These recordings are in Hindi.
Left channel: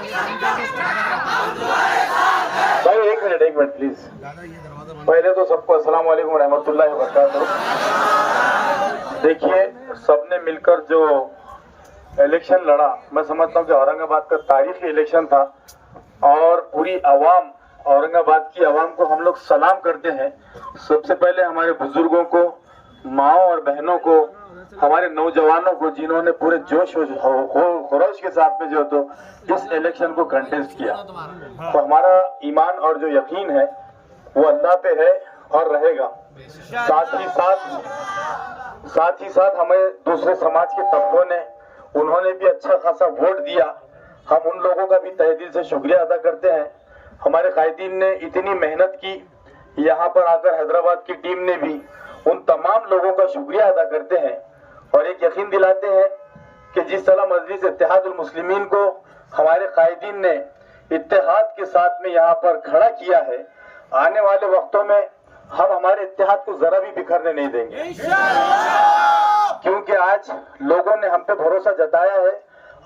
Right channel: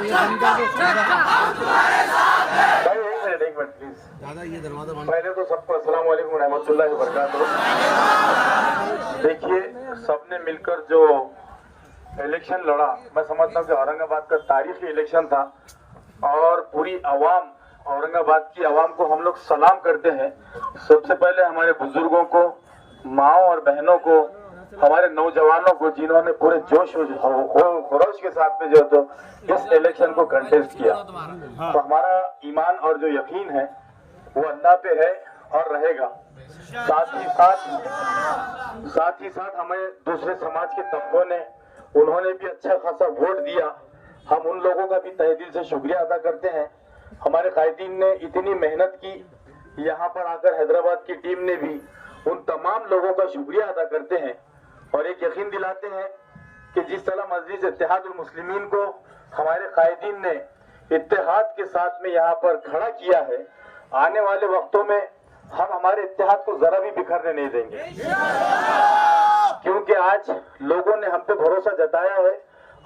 भाई एक मिनट प्लीज। पहले तो सबको अस्सलाम वालेकुम रहमतुल्लाहि व बरकातहू। देखिए, सबने मिलकर जो इलेक्शन लड़ा, मैं समझता हूँ कि औरंगाबाद का तारीखी इलेक्शन था और पूरी आवाम, औरंगाबाद की आवाम को हम लोग सलाम करते हैं। सबसे पहले हमारे बुजुर्गों को, माओ और बहनों को, हमारे नौजवानों को, जिन्होंने पूरे जोश खरोश के साथ में जो तो इस इलेक्शन को कंटेस्ट किया। तो हमारा ईमान और जो यकीन है वो अल्लाह पे है और रहेगा। साथ ही साथ हमें दूसरे समाज के तबकों ने, उन्होंने भी अच्छा खासा वोट दिया। हम उन लोगों का भी तहे दिल से शुक्रिया अदा करते हैं। हमारे कायदीन ने इतनी मेहनत की, यहाँ पर आकर हैदराबाद की टीम ने भी उन तमाम लोगों का शुक्रिया अदा करते हैं और एक यकीन दिलाते हैं कि जिस तरह मजलिस इत्तेहादुल मुस्लिमीन को हमारे कायदीन ने इत्तेहाद के साथ में यहाँ पर खड़ा किया है, आने वाले वक्तों में हम हमारे इत्तेहाद को जरा भी बिखरने नहीं देंगे, क्योंकि आज लोगों ने हम पे भरोसा जताया है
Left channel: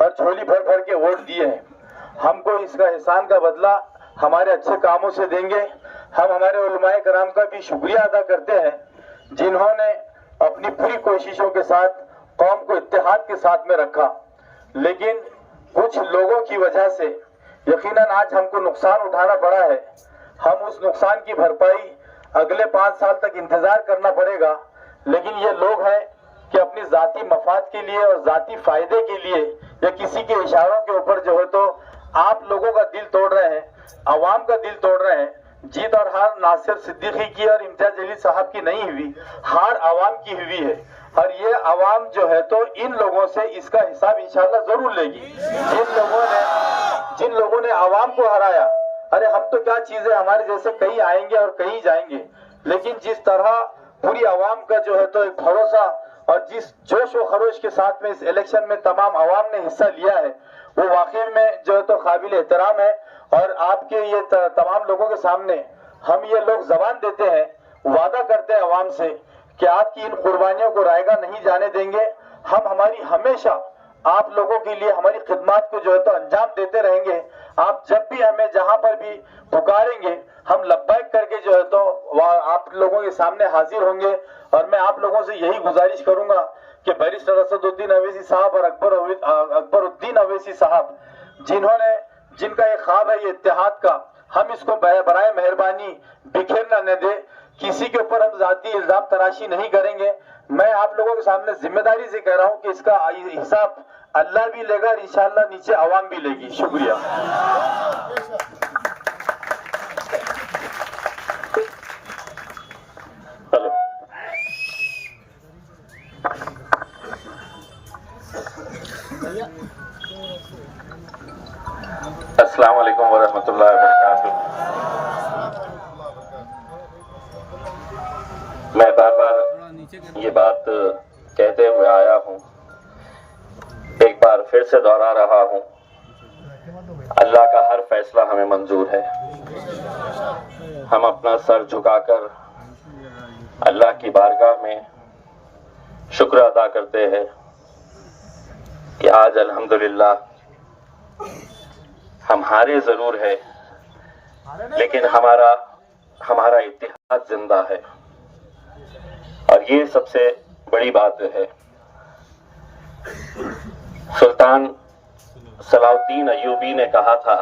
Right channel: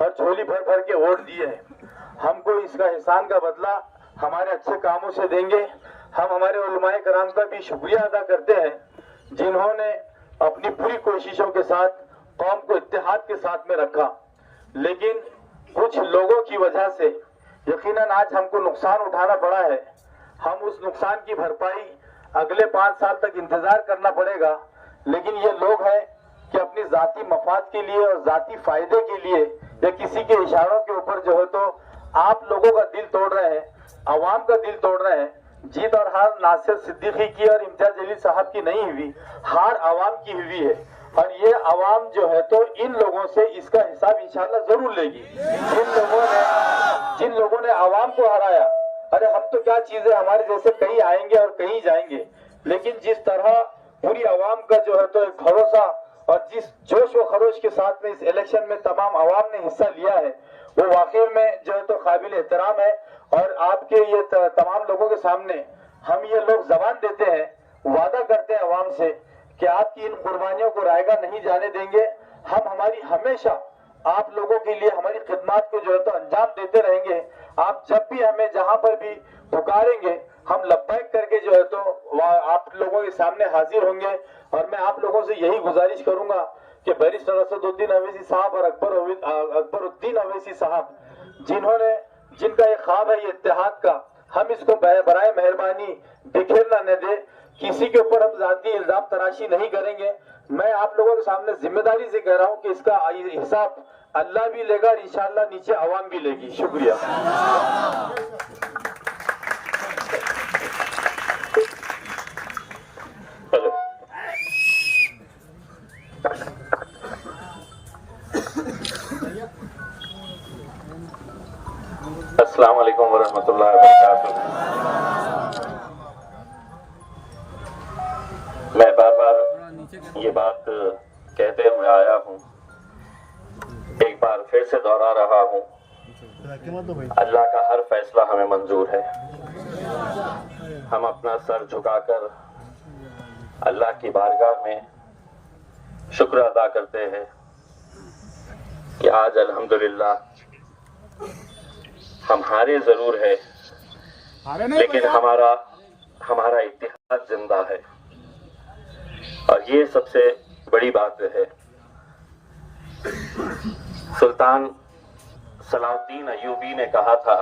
और झोली भर भर के वोट दिए हैं। हमको इसका एहसान का बदला हमारे अच्छे कामों से देंगे। हम हमारे उलमाए कराम का भी शुक्रिया अदा करते हैं, जिन्होंने अपनी पूरी कोशिशों के साथ कौम को इत्तेहाद के साथ में रखा। लेकिन कुछ लोगों की वजह से यकीनन आज हमको नुकसान उठाना पड़ा है। हम उस नुकसान की भरपाई अगले 5 साल तक इंतजार करना पड़ेगा। लेकिन ये लोग हैं कि अपनी जाती मफाद के लिए और जाती फायदे के लिए या किसी के इशारों के ऊपर जो है तो आप लोगों का दिल तोड़ रहे हैं, आवाम का दिल तोड़ रहे हैं। जीत और हार नासिर सिद्दीकी की और इम्तियाज जलील साहब की नहीं हुई, हार आवाम की हुई है और ये आवाम जो है तो इन लोगों से इसका हिसाब इंशाल्लाह जरूर लेगी। जिन लोगों ने आवाम को हराया, अरे हम तो क्या चीज है, हमारे जैसे कहीं आएंगे और कहीं जाएंगे, लेकिन जिस तरह पूरी आवाम का जो है तो एक भरोसा और जिस जोश व खरोश के साथ में इस इलेक्शन में तमाम आवाम ने हिस्सा लिया है, वो वाकई में जो है तो काबिल एहतराम है। और आपके ये तमाम लोगों के सामने हम ये लोग जबान देते हैं, वादा करते हैं आवाम से कि आपकी इन कुर्बानियों को रायगा नहीं जाने देंगे। हम हमारी हमेशा आप लोगों के लिए हमारी खिदमत को जो है तो अंजाम देते रहेंगे। आप जब भी हमें जहां पर भी पुकारेंगे, हम लब्बैक करके जो है तो आप लोगों के सामने हाजिर होंगे। और मैं आप लोगों से यही गुजारिश करूंगा कि बैरिस्टर असदुद्दीन अवैसी साहब और अकबरुद्दीन अवैसी साहब, जिनका ये ख्वाब है ये इत्तेहाद का, हम इसको बराए मेहरबानी बिखेरना न दे। किसी के ऊपर हम जाती इल्जाम तराशी नहीं करेंगे। मैं आप लोगों के सामने जिम्मेदारी से कह रहा हूं कि इसका हिसाब अल्लाह भी लेगा और इंशाअल्लाह नीचे आवाम भी लेगी। शुक्रिया। हेलो, अस्सलाम वालेकुम वरहमतुल्लाहि वबरकातुहू। मैं बार बार ये बात कहते हुए आया हूँ, एक बार फिर से दोहरा रहा हूँ, अल्लाह का हर फैसला हमें मंजूर है। हम अपना सर झुकाकर अल्लाह की बारगाह में शुक्र अदा करते हैं कि आज अल्हम्दुलिल्लाह हम हारे जरूर है, लेकिन हमारा इत्तेहाद जिंदा है और ये सबसे बड़ी बात है। सुल्तान सलाउद्दीन अय्यूबी ने कहा था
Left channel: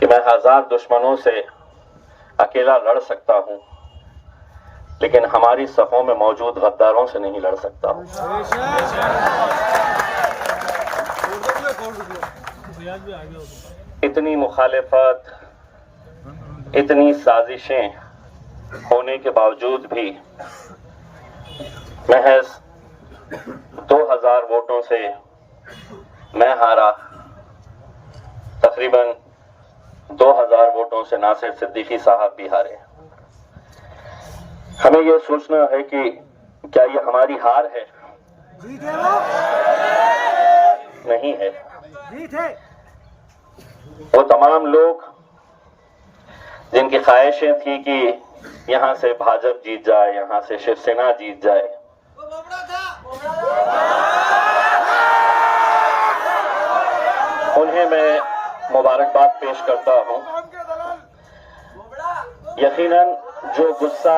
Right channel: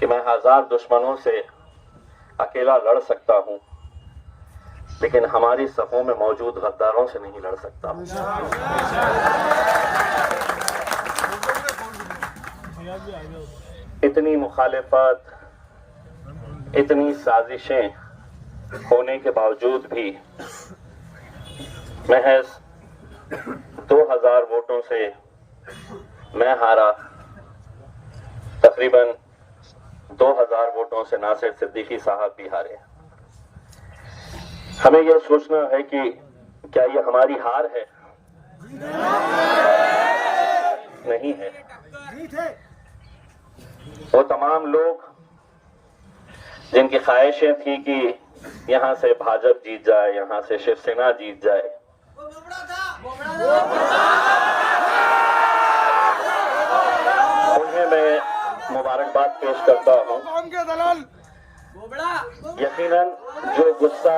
कि मैं 1000 दुश्मनों से अकेला लड़ सकता हूं, लेकिन हमारी सफों में मौजूद गद्दारों से नहीं लड़ सकता हूं। इतनी मुखालिफत, इतनी साजिशें होने के बावजूद भी महज 2000 वोटों से मैं हारा। तकरीबन 2000 वोटों से नासिर सिद्दीकी साहब भी हारे। हमें यह सोचना है कि क्या ये हमारी हार है? नहीं है। वो तमाम लोग जिनकी ख्वाहिशें थी कि यहाँ से भाजपा जीत जाए, यहाँ से शिवसेना जीत जाए, उन्हें मैं मुबारकबाद पेश करता हूं। यकीनन जो गुस्सा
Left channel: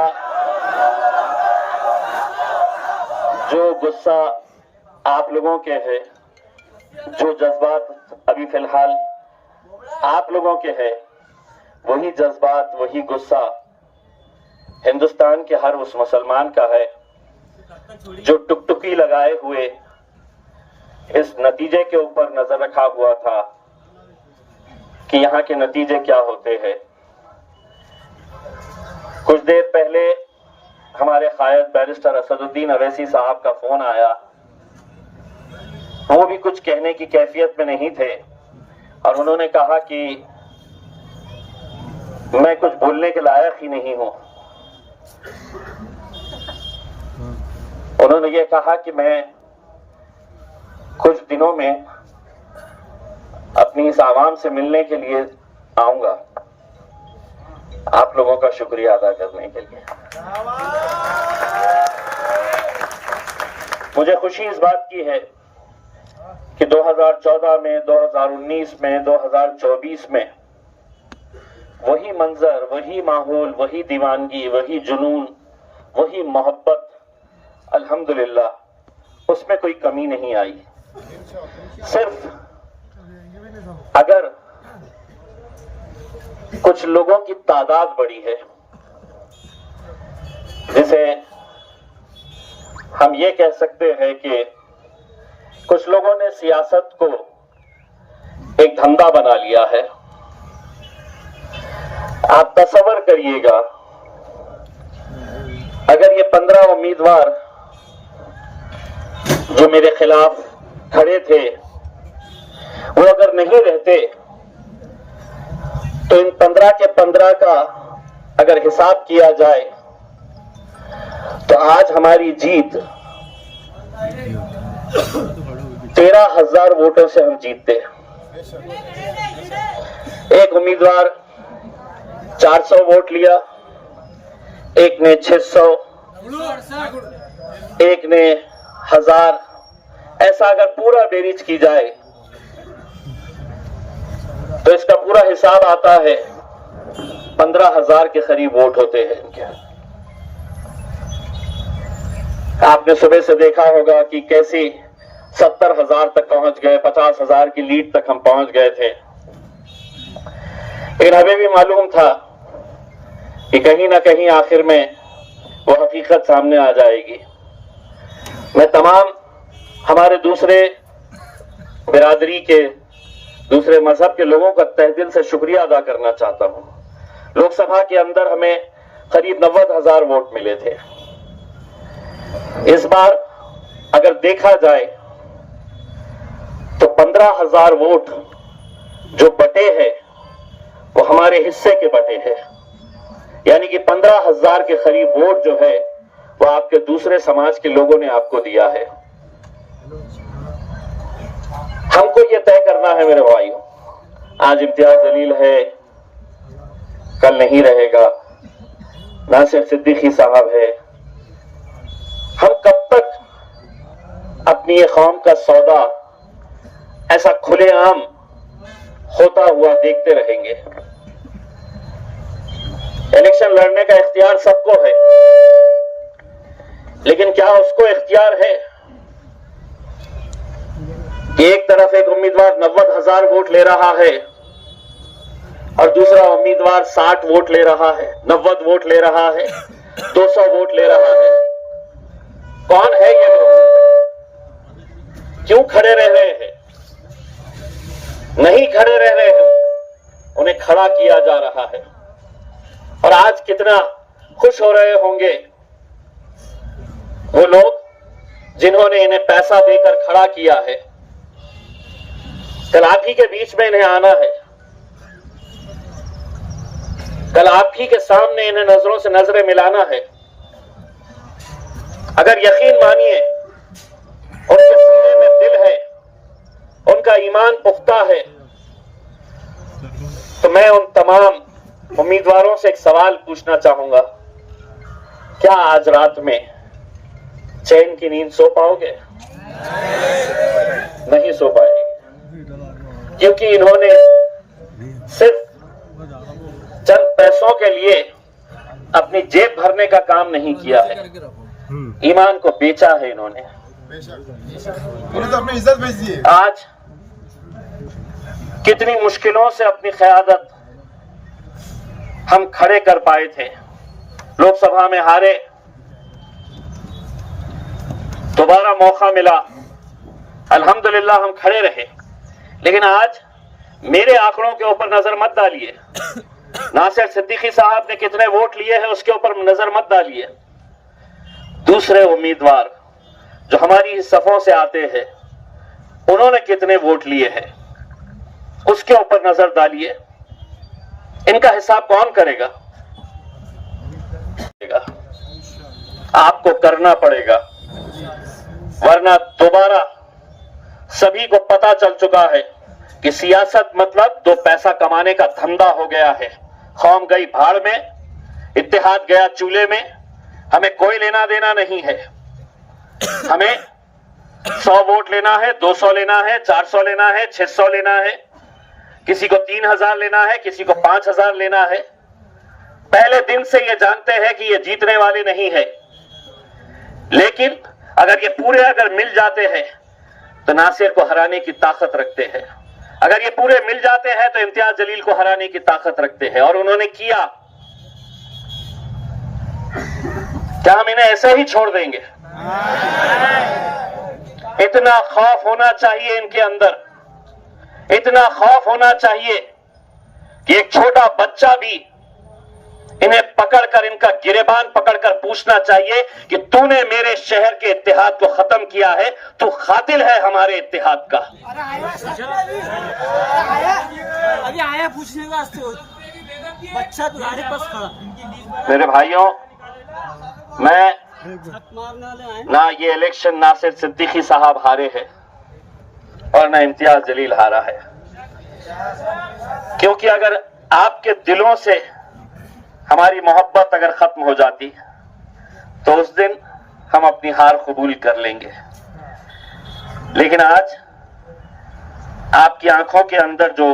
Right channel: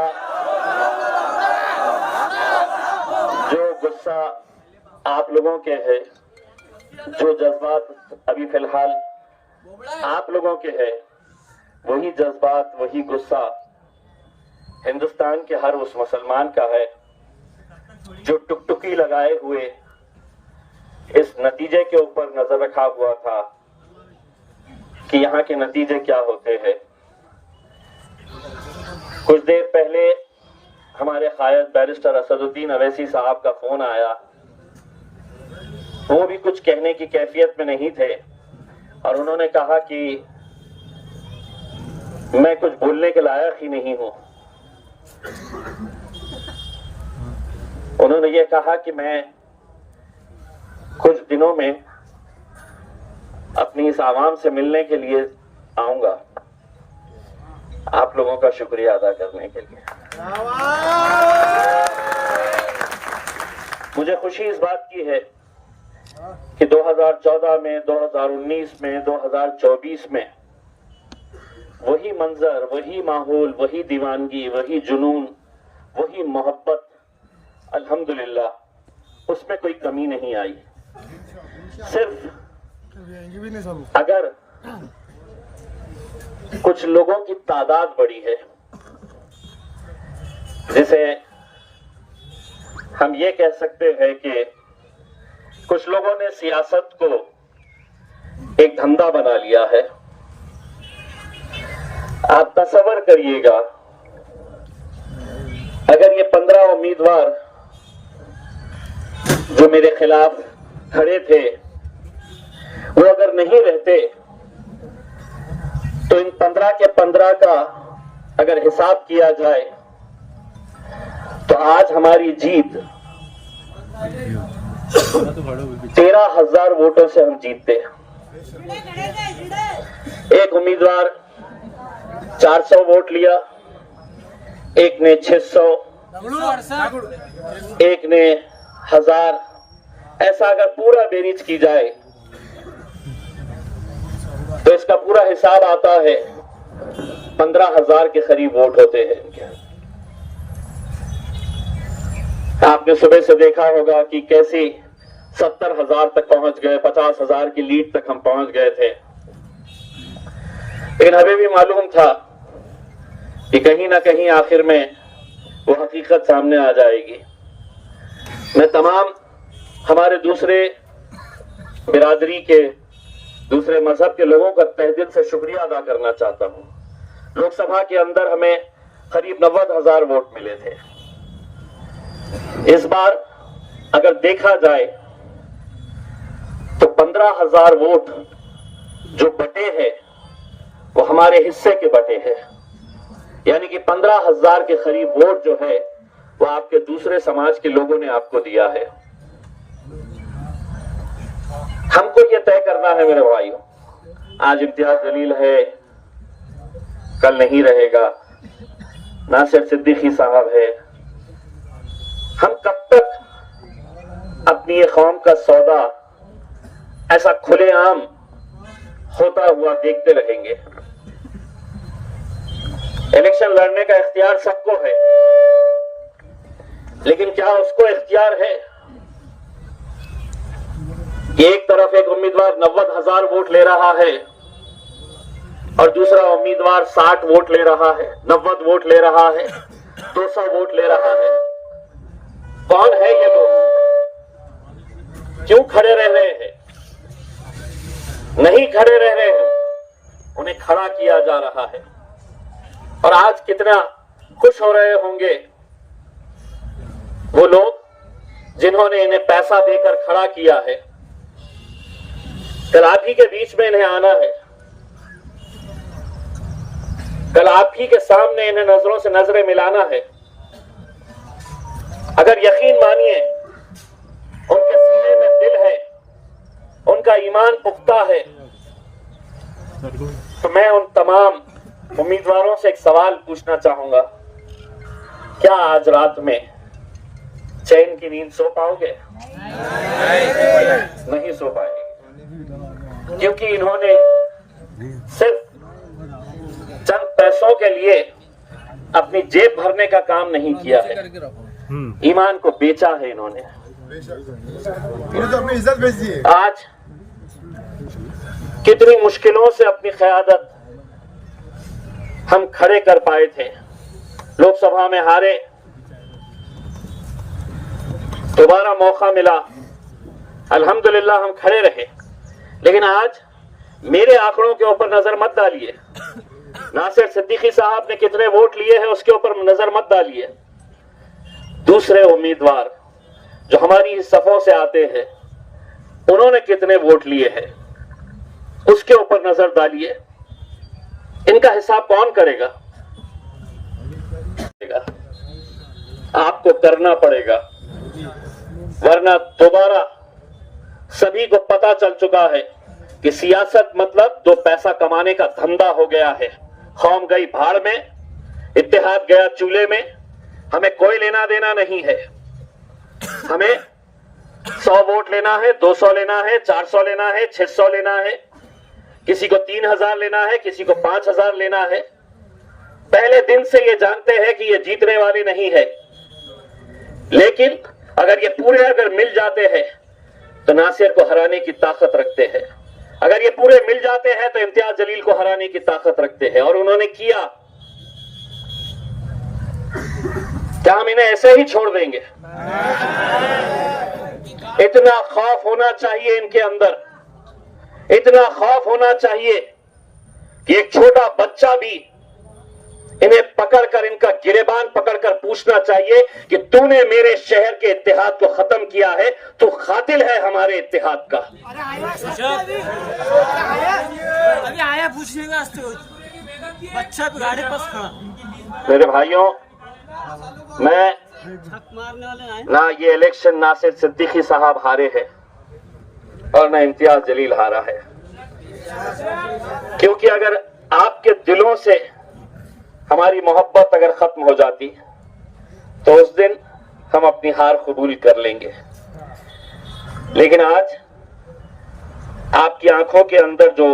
आप लोगों के हैं, जो जज्बात अभी फिलहाल आप लोगों के हैं, वही जज्बात, वही गुस्सा हिंदुस्तान के हर उस मुसलमान का है जो टुकटुकी लगाए हुए इस नतीजे के ऊपर नजर रखा हुआ था कि यहाँ के नतीजे क्या होते हैं। कुछ देर पहले हमारे कायद बैरिस्टर असदुद्दीन अवैसी साहब का फोन आया। वो भी कुछ कहने की कैफियत में नहीं थे और उन्होंने कहा कि मैं कुछ बोलने के लायक ही नहीं हूं। उन्होंने ये कहा कि मैं कुछ दिनों में अपनी इस आवाम से मिलने के लिए आऊंगा, आप लोगों का शुक्रिया अदा करने के लिए। मुझे खुशी इस बात की है कि 2014 में, 2019 में, 2024 में वही मंजर, वही माहौल, वही दीवानगी, वही जुनून, वही मोहब्बत, अल्हम्दुलिल्लाह उसमें कोई कमी नहीं आई। सिर्फ अगर कुछ लोगों की तादाद बढ़ी है, जिसे हम ये कह सकते हैं कि कुछ लोगों ने सियासत को एक धंधा बना लिया है। आप तसव्वुर करिएगा, अगर ये 15 उम्मीदवार जो मेरे खिलाफ खड़े थे वो अगर नहीं रहते तो इन 15 के 15 का अगर हिसाब किया जाए तो आज हमारी जीत 13,000 वोटों से हम जीतते। एक उम्मीदवार 400 वोट लिया, एक ने 600, एक ने 1000। ऐसा अगर पूरा बेरीज की जाए तो इसका पूरा हिसाब आता है 15,000 के करीब वोट होते हैं इनके। आपने सुबह से देखा होगा कि कैसी 70,000 तक पहुंच गए, 50,000 की लीड तक हम पहुंच गए थे। लेकिन हमें भी मालूम था कि कहीं ना कहीं आखिर में वो हकीकत सामने आ जाएगी। मैं तमाम हमारे दूसरे बिरादरी के, दूसरे मजहब के लोगों का तहे दिल से शुक्रिया अदा करना चाहता हूं। लोकसभा के अंदर हमें करीब 90,000 वोट मिले थे। इस बार अगर देखा जाए तो 15,000 वोट जो बटे हैं वो हमारे हिस्से के बटे हैं, यानी कि 15,000 के करीब वोट जो है वो आपके दूसरे समाज के लोगों ने आपको दिया है। हमको ये तय करना है मेरे भाइयों, आज इम्तियाज जलील है, कल नहीं रहेगा, नासिर सिद्दीकी साहब है। हम कब तक अपनी ये कौम का सौदा ऐसा खुलेआम होता हुआ देखते रहेंगे? इलेक्शन लड़ने का इख्तियार सबको है, लेकिन क्या उसको इख्तियार है कि एक तरफ एक उम्मीदवार 90,000 वोट ले रहा है और दूसरा उम्मीदवार 60 वोट ले रहा है, 90 वोट ले रहा है, 200 वोट ले रहा है? कौन है ये लोग? क्यों खड़े रह रहे हैं? नहीं खड़े रह रहे हैं, उन्हें खड़ा किया जा रहा है। और आज कितना खुश हो रहे होंगे वो लोग जिन्होंने इन्हें पैसा देकर खड़ा किया है। कल आप ही के बीच में इन्हें आना है, कल आप ही के सामने इन्हें नजरों से नजरें मिलाना है। अगर यकीन मानिए उनके सीने में दिल है, उनका ईमान पुख्ता है, तो मैं उन तमाम उम्मीदवारों से एक सवाल पूछना चाहूंगा, क्या आज रात में चैन की नींद सो पाओगे? नहीं सो पाएंगे। क्योंकि इन्होंने सिर्फ चंद पैसों के लिए अपनी जेब भरने का काम नहीं किया है, ईमान को बेचा है इन्होंने। इज्जत बेच दी। आज कितनी मुश्किलों से अपनी क़यादत हम खड़े कर पाए थे, लोकसभा में हारे, दोबारा मौका मिला, अल्हम्दुलिल्लाह हम खड़े रहे। लेकिन आज मेरे आंकड़ों के ऊपर नजर मत डालिए, नासिर सिद्दीकी साहब ने कितने वोट लिए हैं उसके ऊपर नजर मत डालिए। दूसरे उम्मीदवार जो हमारी सफों से आते हैं उन्होंने कितने वोट लिए हैं उसके ऊपर नजर डालिए। इनका हिसाब कौन करेगा? आपको करना पड़ेगा, वरना दोबारा सभी को पता चल चुका है कि सियासत मतलब दो पैसा कमाने का धंधा हो गया है। कौम गई भाड़ में, इत्तेहाद गया चूल्हे में। हमें कोई लेना देना नहीं है। हमें 100 वोट लेना है, 200 लेना है, 400 लेना है, 600 लेना है, किसी को 3000 लेना है, किसी को 5000 लेना है। पहले दिन से ये जानते हैं कि ये जीतने वाले नहीं है, लेकिन अगर ये पूरे मिल जाते हैं तो नासिर को हराने की ताकत रखते हैं। अगर ये पूरे मिल जाते हैं तो इम्तियाज जलील को हराने की ताकत रखते हैं, और उन्होंने किया। क्या हम इन्हें ऐसे ही छोड़ देंगे? इतना खौफ होना चाहिए इनके अंदर, इतना खौफ होना चाहिए कि एक छोटा बच्चा भी इन्हें पकड़कर, इनका गिरेबान पकड़कर पूछना चाहिए कि तूने मेरे शहर के इत्तेहाद को खत्म किया है, तू कातिल है हमारे इत्तेहाद का। अभी आया पूछने का बच्चा तो गाड़ी पास खड़ा। मेरे भाइयों, मैं मारने वाले आए ना ये इलेक्शन नासिर सिद्दीकी साहब हारे हैं और ना इम्तियाज जलील हारा है, क्योंकि अगर आपके दिलों से हमारी मोहब्बत अगर खत्म हो जाती तो उस दिन हम अपनी हार कबूल कर लेंगे। लेकिन आज आपकी आंखों के अंदर जो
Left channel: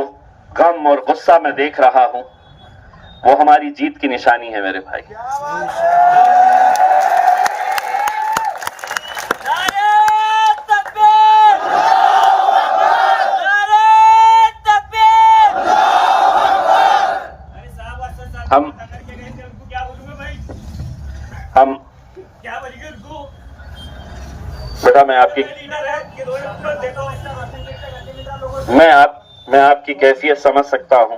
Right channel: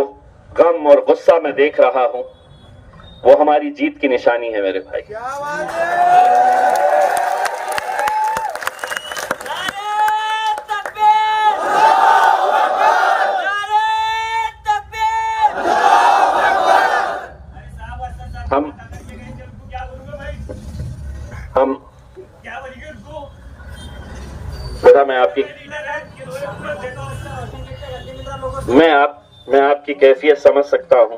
गम और गुस्सा मैं देख रहा हूं वो हमारी जीत की निशानी है मेरे भाई। हम बेटा, मैं आपकी कैफियत समझ सकता हूं।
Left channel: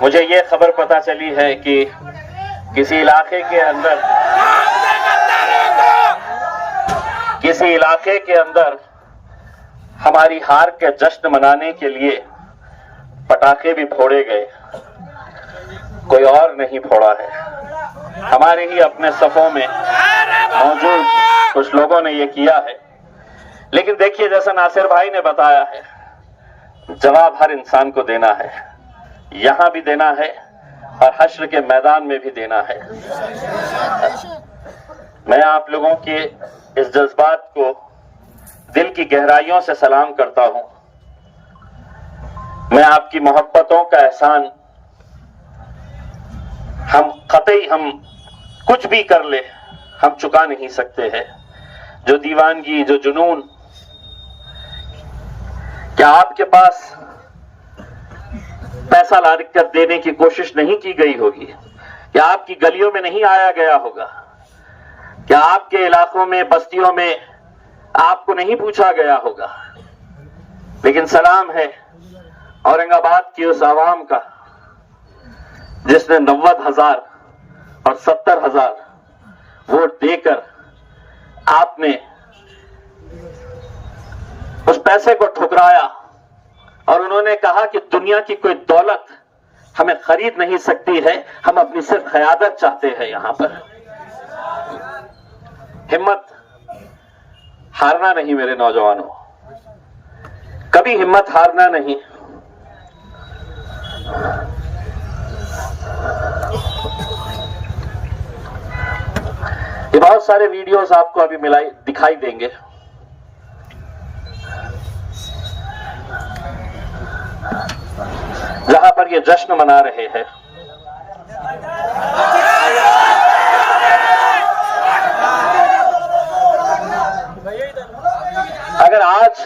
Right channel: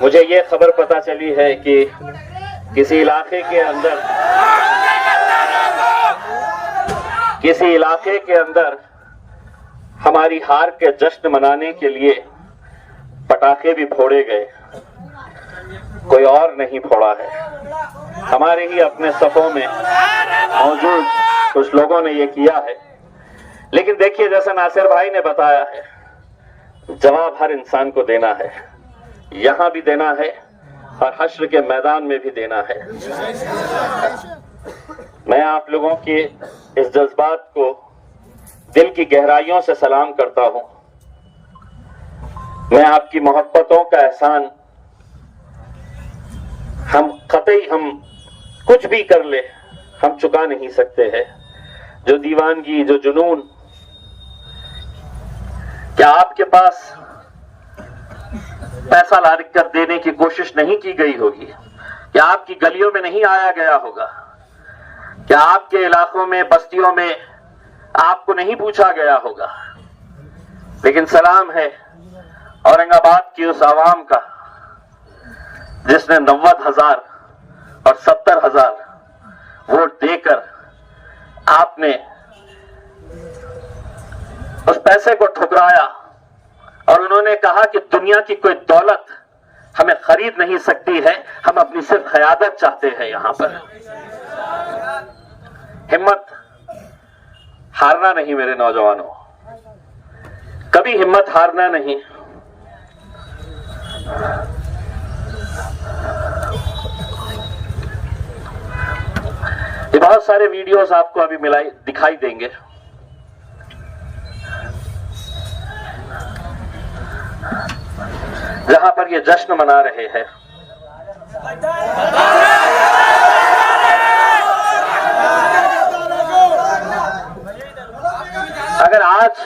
मुझे ये खबर पता चली है कि किसी इलाके के अंदर हमारी हार के जश्न मनाने के लिए पटाखे भी फोड़े गए, कोई और नहीं फोड़ा है। हमारे ही अपने सफों में मौजूद कुछ लोगों ने ये किया है। लेकिन देखिए, जैसा नासिर भाई ने बताया है, जवाब हर इंसान को देना है, यहां भी देना है और हश्र के मैदान में भी देना है। मैं आप लोगों के इस जज्बात को दिल की गहराइयों से सलाम करता हूं। मैं आपकी मोहब्बतों का एहसान हम कुछ भी कर ले हम चुका नहीं सकते हैं। जो दीवानगी, जो जुनून, क्या आपके पास पैसा ला कर देने की कोशिश नहीं की गई होगी? क्या आपकी गलियों में नहीं आया गया होगा? क्या आपके इलाकों में, बस्तियों में आपको नहीं पूछा गया होगा? लेकिन सलाम है औरंगाबाद की उस आवाम का जिसने 90,000 और 70,000 वोट देकर आपने उस पैसे को ठुकराया और उन्होंने कहा कि दुनिया की कोई दौलत हमें खरीद नहीं सकती है, हम अपनी सिर्फ क़यादत चाहते हैं। यहां पर हिम्मत हारना नहीं मेरे नौजवानों, कभी हिम्मत हारना नहीं। ये बहुत सारे वीडियोस आपको अभी दिखाई देंगे। जहां पर ये जश्न मना रहे हैं। अगर आज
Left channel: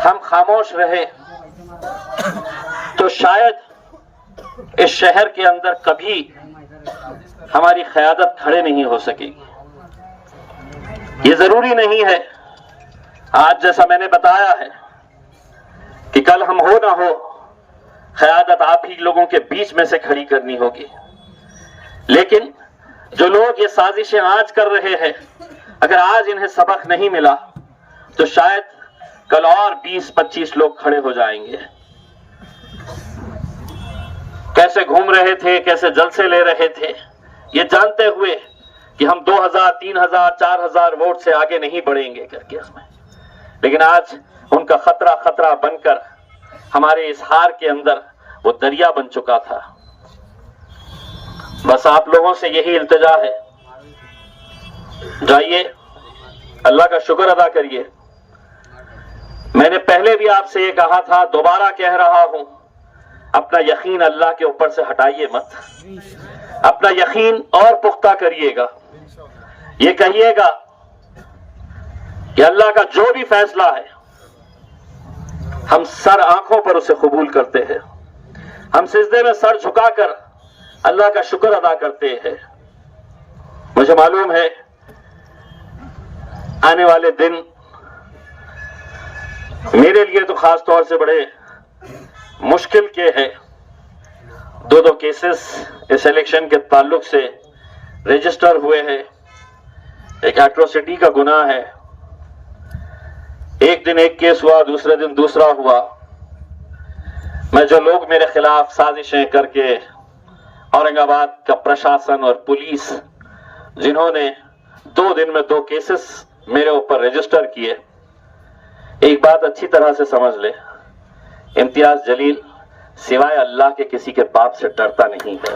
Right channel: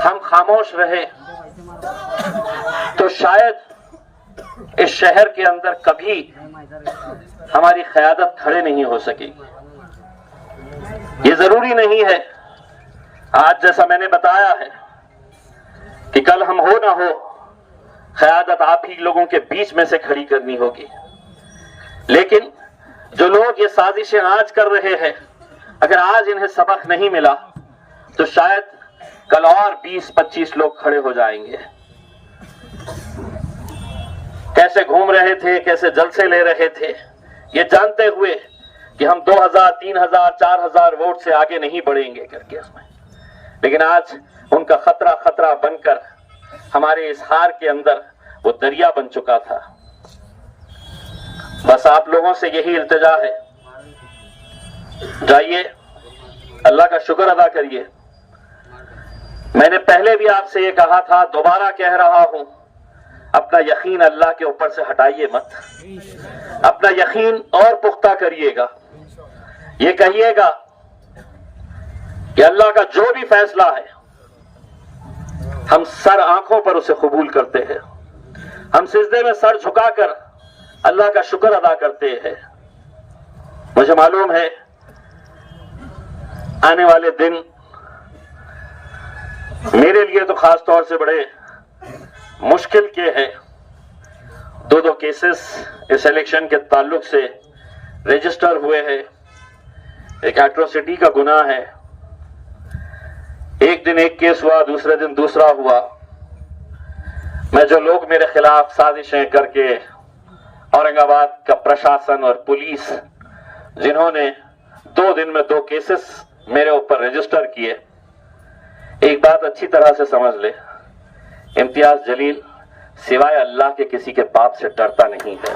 हम खामोश रहे तो शायद इस शहर के अंदर कभी हमारी क़यादत खड़े नहीं हो सकेगी। ये जरूरी नहीं है आज जैसा मैंने बताया है कि कल हम हो ना हो क़यादत आप ही लोगों के बीच में से खड़ी करनी होगी, लेकिन जो लोग ये साजिशें आज कर रहे हैं, अगर आज इन्हें सबक नहीं मिला तो शायद कल और 20-25 लोग खड़े हो जाएंगे। कैसे घूम रहे थे, कैसे जलसे ले रहे थे, ये जानते हुए कि हम 2000, 3000, 4000 वोट से आगे नहीं बढ़ेंगे करके उसमें, लेकिन आज उनका खतरा बनकर हमारे इस हार के अंदर वो दरिया बन चुका था। बस आप लोगों से यही इल्तिजा है, जाइए अल्लाह का शुक्र अदा करिए। मैंने पहले भी आपसे ये कहा था, दोबारा कह रहा हूं, अपना यकीन अल्लाह के ऊपर से हटाइए मत, अपना यकीन और पुख्ता करिएगा। ये कहिएगा कि अल्लाह का जो भी फैसला है हम सर आंखों पर उसे कबूल करते हैं, हम सिजदे में सर झुकाकर अल्लाह का शुक्र अदा करते हैं। मुझे मालूम है आने वाले दिन मेरे लिए तो खास तौर से बड़े मुश्किल के हैं। 2 केसेस इस इलेक्शन के ताल्लुक से रजिस्टर हुए हैं। एक एट्रोसिटी का गुनाह है, एक दिन एक केस हुआ, दूसरे दिन दूसरा हुआ। मैं जो लोग मेरे खिलाफ साजिशें करके औरंगाबाद का प्रशासन और पुलिस जिन्होंने 2 दिन में 2 केसेस मेरे ऊपर रजिस्टर किए, एक बात अच्छी तरह से समझ ले, इम्तियाज जलील सिवाय अल्लाह के किसी के बाप से डरता नहीं है।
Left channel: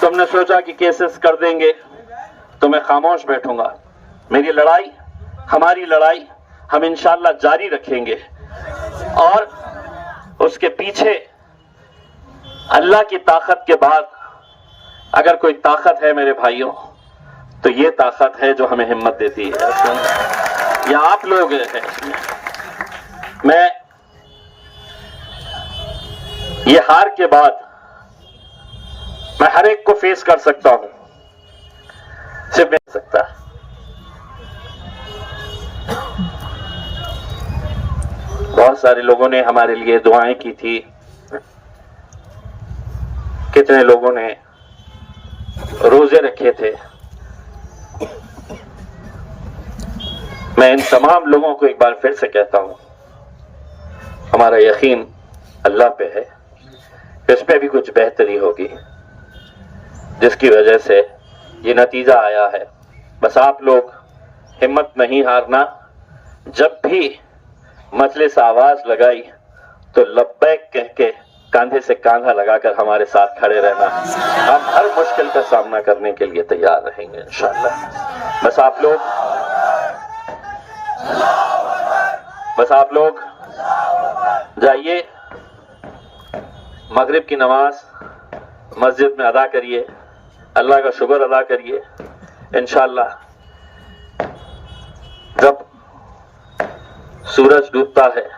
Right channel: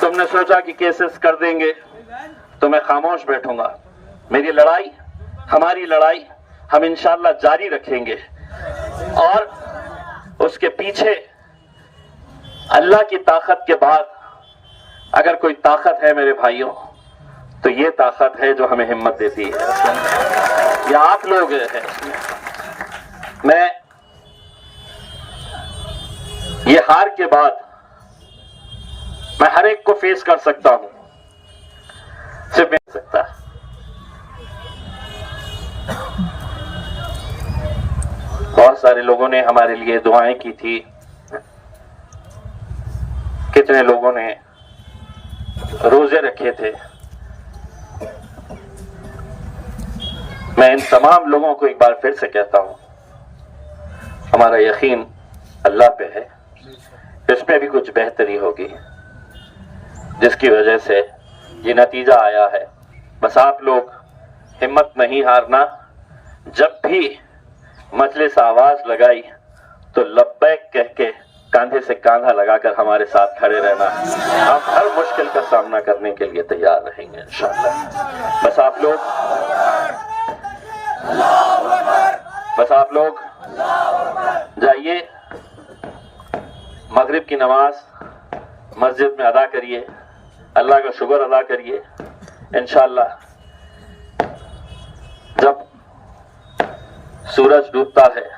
तुमने सोचा कि केसेस कर देंगे तो मैं खामोश बैठूंगा। मेरी लड़ाई, हमारी लड़ाई हम इंशाअल्लाह जारी रखेंगे और उसके पीछे अल्लाह की ताकत के बाद अगर कोई ताकत है मेरे भाइयों तो ये ताकत है जो हमें हिम्मत देती है, या आप लोग हैं। मैं ये हार के बाद मैं हर एक को फेस कर सकता हूं, सिर्फ नहीं सकता। बहुत सारे लोगों ने हमारे लिए दुआएं की थी, कितने लोगों ने रोजे रखे थे। मैं इन तमाम लोगों को एक बार फिर से कहता हूं, हमारा यकीन अल्लाह पे है, इस पे भी कुछ बेहतरी होगी जिसकी वजह से ये नतीजा आया है। बस आप लोग हिम्मत नहीं हारना, जब भी मजलिस आवाज लगाई तो लब्बैक कह के कांधे से कांधा लगाकर हमारे साथ खड़े रहना। हम हर मुश्किल का सामना करने के लिए तैयार रहेंगे इंशाअल्लाह। बस आप लोग जाइए, मगरिब की नमाज मस्जिद में अदा करिए, अल्लाह का शुक्र अदा करिए। इंशाअल्लाह जब सूरज डूबता है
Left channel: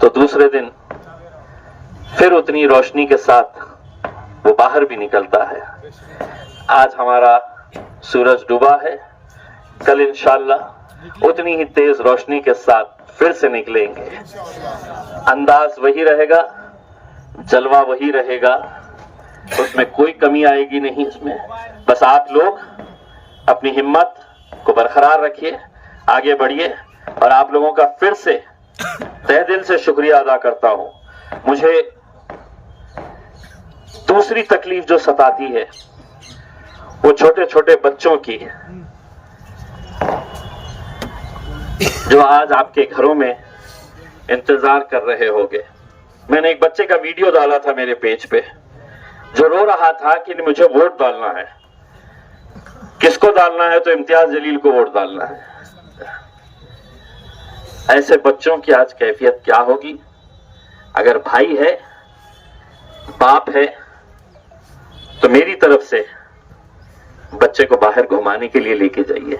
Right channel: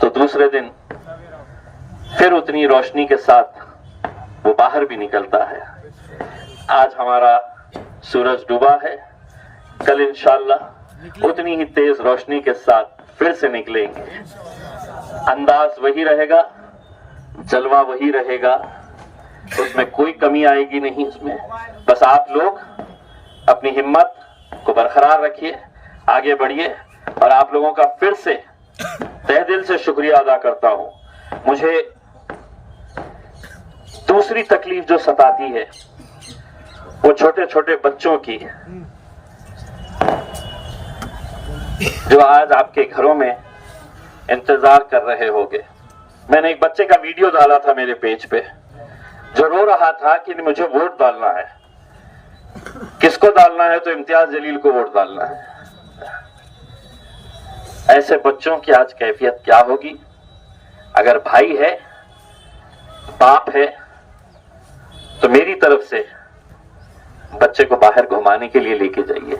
तो दूसरे दिन फिर उतनी रोशनी के साथ वो बाहर भी निकलता है। आज हमारा सूरज डूबा है, कल इंशाअल्लाह उतनी ही तेज रोशनी के साथ फिर से निकलेंगे। अंदाज वही रहेगा, जलवा वही रहेगा, उसमें कोई कमी आएगी नहीं इसमें। बस आप लोग अपनी हिम्मत को बरकरार रखिए, आगे बढ़िए। और आप लोगों का फिर से तहे दिल से शुक्रिया अदा करता हूं। मुझे दूसरी तकलीफ जो सताती है वो छोटे छोटे बच्चों की, जो आज आपके घरों में इंतजार कर रहे होंगे। मैंने एक बच्चे का वीडियो डाला था मेरे पेज पे, जो रो रहा था कि मुझे वोट डालना है। किसको डालना है? तो इम्तियाज जलील को वोट डालना है। ऐसे बच्चों की आज कैफियत क्या होगी? अगर भाई है, बाप है, तो मेरी तरफ से बच्चे को बाहर घुमाने के लिए लेके जाइए,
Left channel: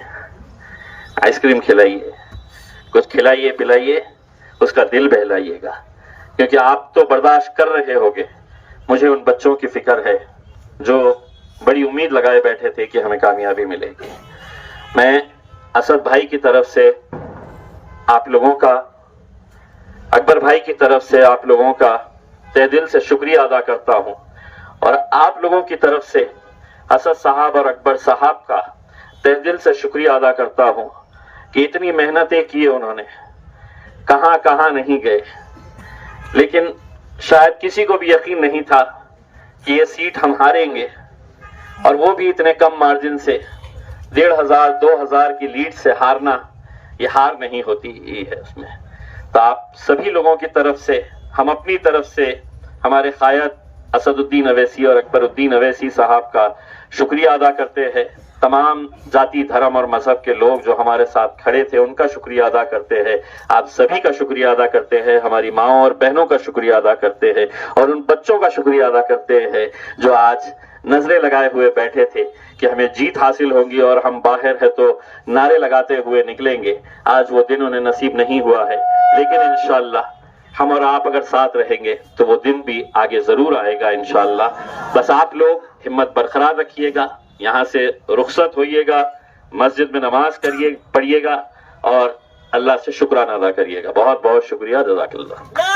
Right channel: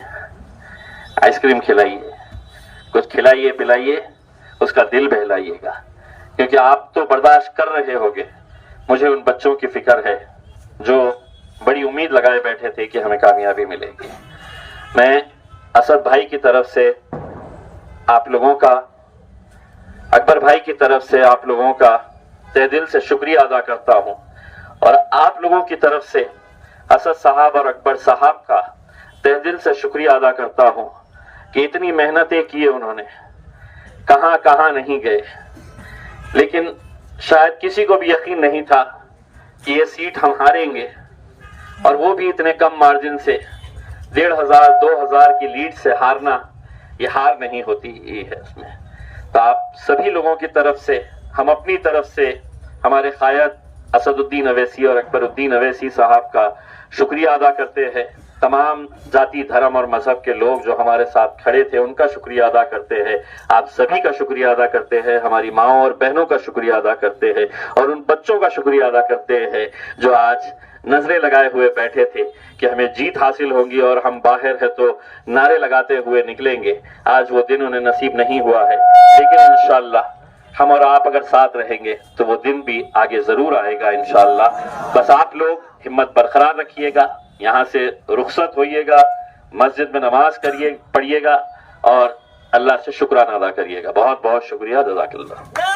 आइसक्रीम खिलाइए, कुछ खिलाइए पिलाइए, उसका दिल बहलाइएगा, क्योंकि आप तो बर्दाश्त कर रहे होगे। मुझे उन बच्चों की फिक्र है जो बड़ी उम्मीद लगाए बैठे थे कि हमें कामयाबी मिलेगी। मैं असद भाई की तरफ से आप लोगों का, अकबर भाई की तरफ से आप लोगों का तहे दिल से शुक्रिया अदा करता हूं, और आप लोगों की तरफ से असद साहब और अकबर साहब का तहे दिल से शुक्रिया अदा करता हूं कि इतनी मेहनतें की उन्होंने, कहां कहां नहीं गए, लेकिन शायद किसी को भी यकीन नहीं था कि ये सीट हम हारेंगे, और वो भी इतने कम मार्जिन से, 1500-2000 की लीड से हारना, ये हार नहीं होती है उसमें। तो आप सभी लोगों की तरफ से, हम अपनी तरफ से हमारे कायद असदुद्दीन अवैसी और अकबरुद्दीन अवैसी साहब का शुक्रिया अदा करते हैं। तमाम जाति, धर्म और मजहब के लोग जो हमारे साथ खड़े थे उनका शुक्रिया अदा करते हैं। आप सभी का शुक्रिया अदा करते हैं, हमारी माओ और बहनों का शुक्रिया अदा करते हैं, और उन बच्चों का शुक्रिया अदा करते हैं जो आज नजरें लगाए हुए बैठे थे कि हमें जीत हासिल होगी और हम बाहर है तो नारे लगाते हुए निकलेंगे। आज वो दिन उन्हें नसीब नहीं हुआ है, लेकिन इंशाअल्लाह हम और आप अगर साथ रहेंगे तो वो दिन भी आगे जरूर आएगा इंशाअल्लाह। बस आप लोग हिम्मत बरकरार रखिएगा, यहाँ से रुखसत होइएगा, मस्जिद में नमाज करिए, पढ़िएगा और अल्लाह से शुक्राना अदा करिएगा। बहुत बहुत शुक्रिया, जज़ाकल्लाह।